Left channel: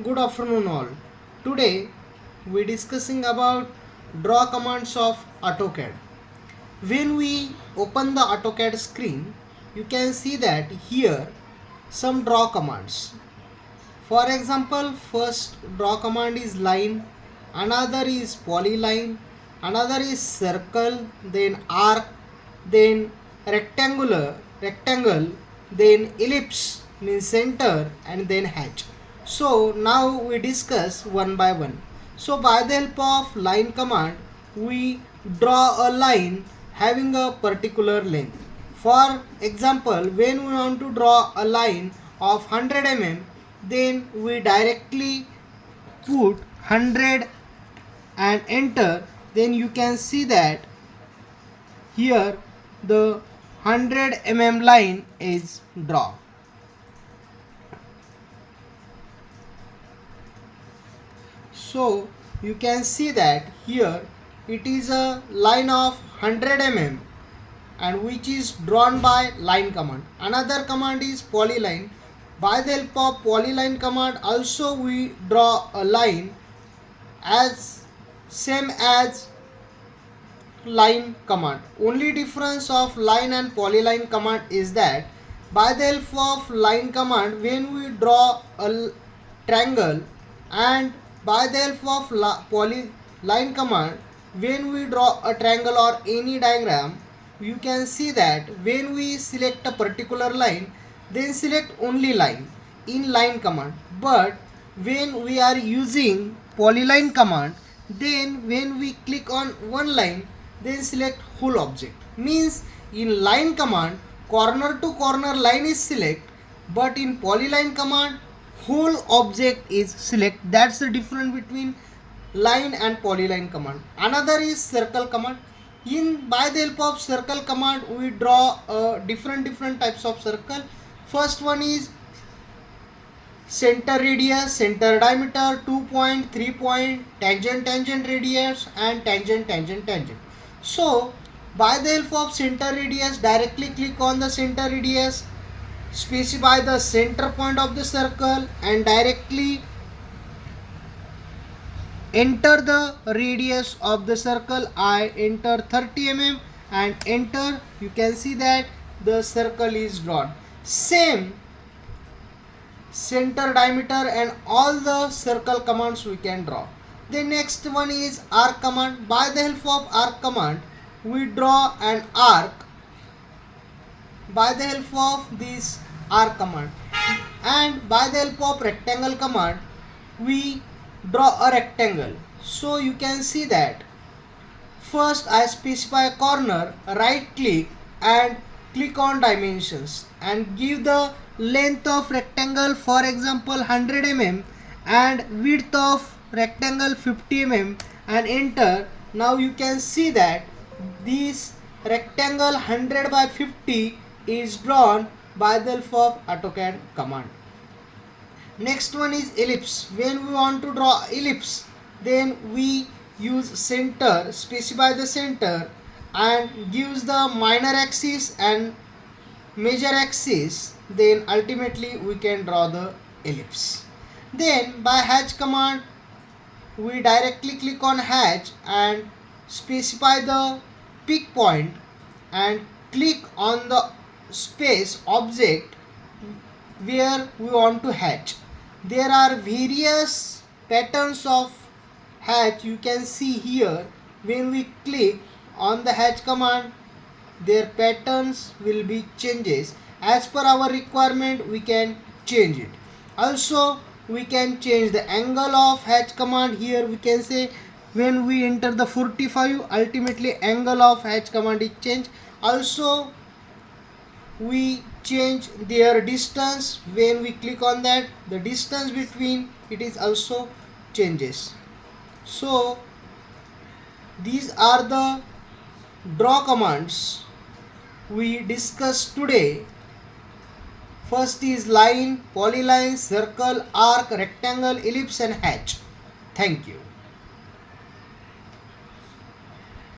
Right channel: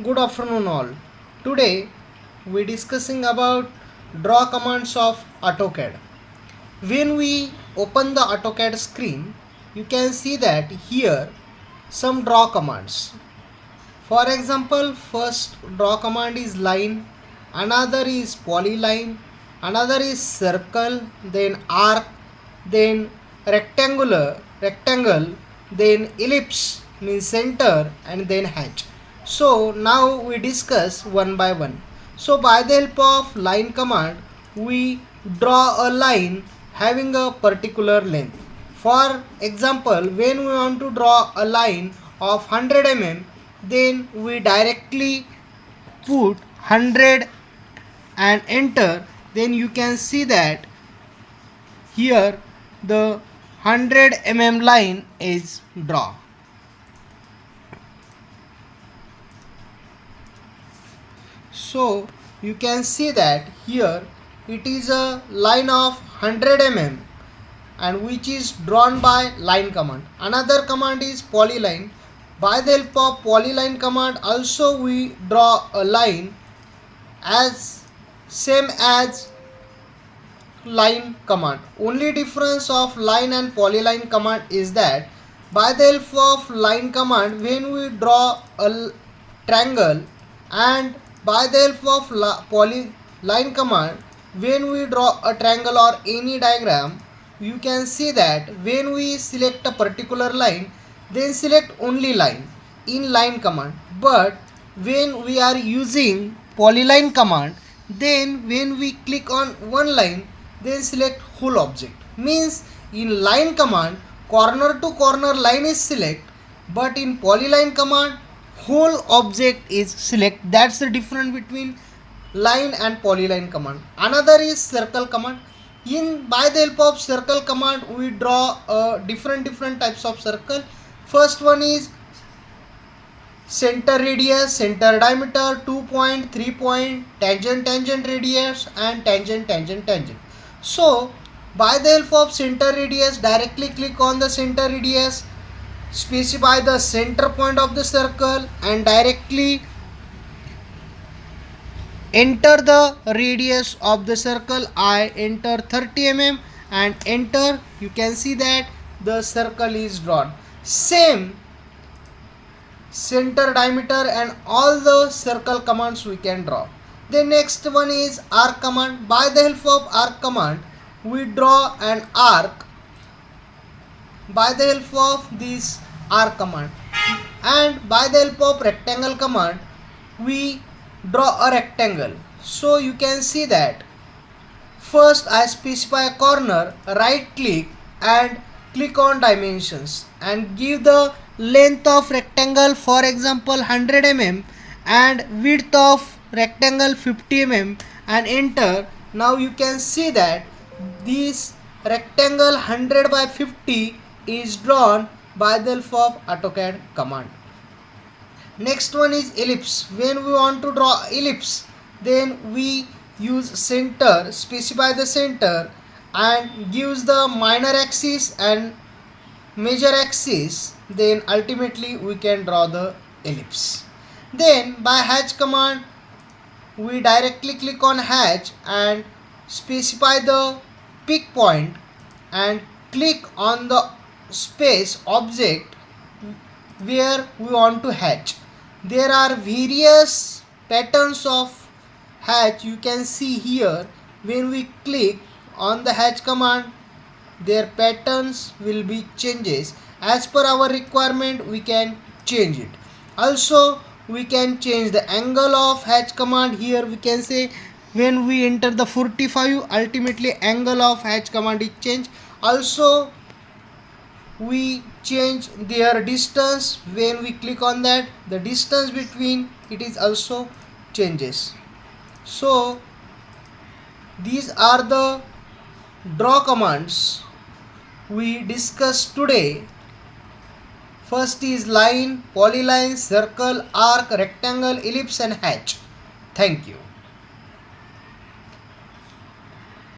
Good afternoon all. Today we discussing about draw commands of AutoCAD. When we open the AutoCAD screen, you can see that here some draw commands. For example, first draw command is line, another is polyline, another is circle, then arc, then rectangle, then ellipse means center, and then hatch. So now we discuss one by one. So by the help of line command, we draw a line having a particular length. For example, when we want to draw a line of 100 mm, then we directly put 100 and enter. Then you can see that here the 100 mm line is drawn. So you can see that here it is a line of 100 mm and which is drawn by line command. Another command is polyline. By the help of polyline command also we draw a line as same as line command. Only difference of line and polyline command is that by the help of line command when we draw a triangle, and by the help of polyline command when we draw a triangle or any diagram, you can see that when we select a particular line, then select only line in line command. But when we are using polyline command, then when we click on one line, then select whole object. Means in line command corner to corner line is select, but in polyline command whole object is select. That's the difference between line and polyline command. Another is circle command. In by the help of circle command we draw different types of circle. First one is center radius, center diameter, 2 point, 3 point, tangent radius, and tangent. So by the help of center radius, directly click on the center radius, specify the center point of the circle, and directly enter the radius of the circle. I enter 30 mm and enter. You can see that the circle is drawn. Same center diameter and all the circle commands we can draw. The next one is arc command. By the help of arc command we draw an arc by the help of this arc command, and by the help of rectangle command we draw a rectangle. So you can see that first I specify a corner, right click and click on dimensions and give the length of rectangle, for example 100 mm, and width of rectangle 50 mm, and enter. Now you can see that this rectangle 100 by 50 is drawn by the help of AutoCAD command. Next one is ellipse. When we want to draw ellipse, then we use center, specify the center and gives the minor axis and major axis, then ultimately we can draw the ellipse. Then by hatch command we directly click on hatch and specify the pick point and click on the space object where we want to hatch. There are various patterns of hatch. You can see here when we click on the hatch command, their patterns will be changes. As per our requirement we can change it. Also we can change the angle of hatch command. Here we can say when we enter the 45, ultimately angle of hatch command is changed. Also we change their distance. When we click on that, the distance between it is also changes. So these are the draw commands we discussed today. First is line, polyline, circle, arc, rectangle, ellipse and hatch. Thank you.